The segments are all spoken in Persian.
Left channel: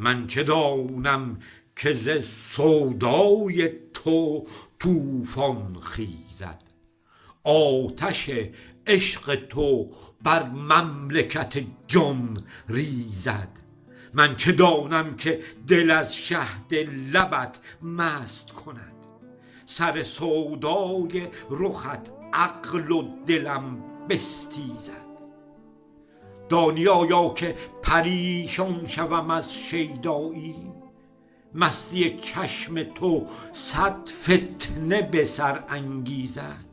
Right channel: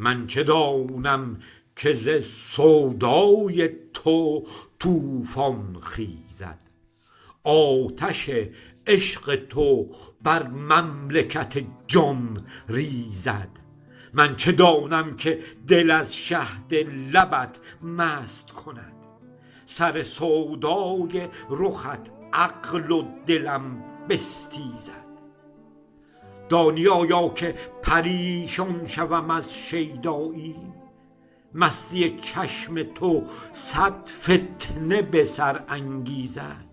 من چه دانم که ز سودای تو طوفان خیزد، آتش عشق تو بر مملکت جان ریزد. من چه دانم که دل از شهد لبت مست کند، سر سودای رخت عقل و دلم بستیزد. دانی آیا که پریشان شوم از شیدایی، مستی چشم تو صد فتنه به سر انگیزد.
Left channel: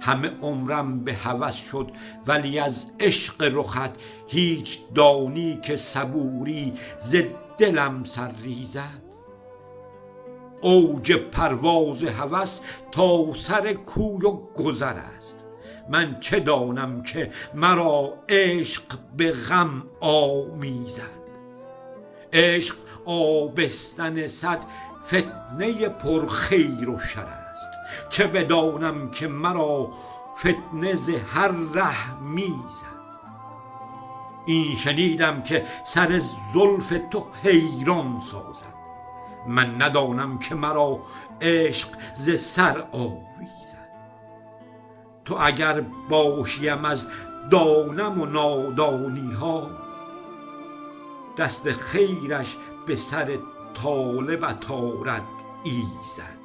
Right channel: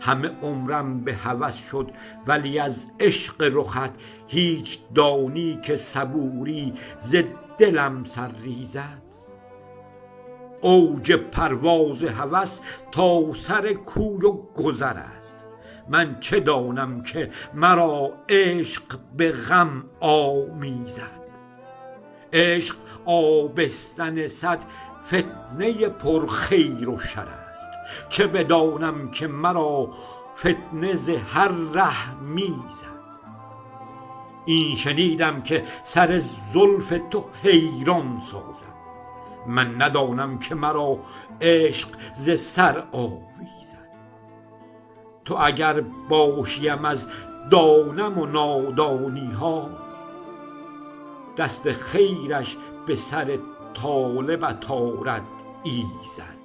همه عمرم به هوس شد ولی از عشق رخت هیچ دانی که صبوری ز دلم سر ریزد. اوج پرواز هوس تا سر کوی و گذر است، من چه دانم که مرا عشق به غم آمیزد. عشق آبستن صد فتنه پرخیر و شر است، چه بدانم که مرا فتنه ز هر ره میزد. این شنیدم که سر زلف تو حیران سازد، من ندانم که مرا عشق ز سر آویزد. تو اگر باشیم از دانم و نادانی ها، دست خیرش به سر طالبت آرد ایزد.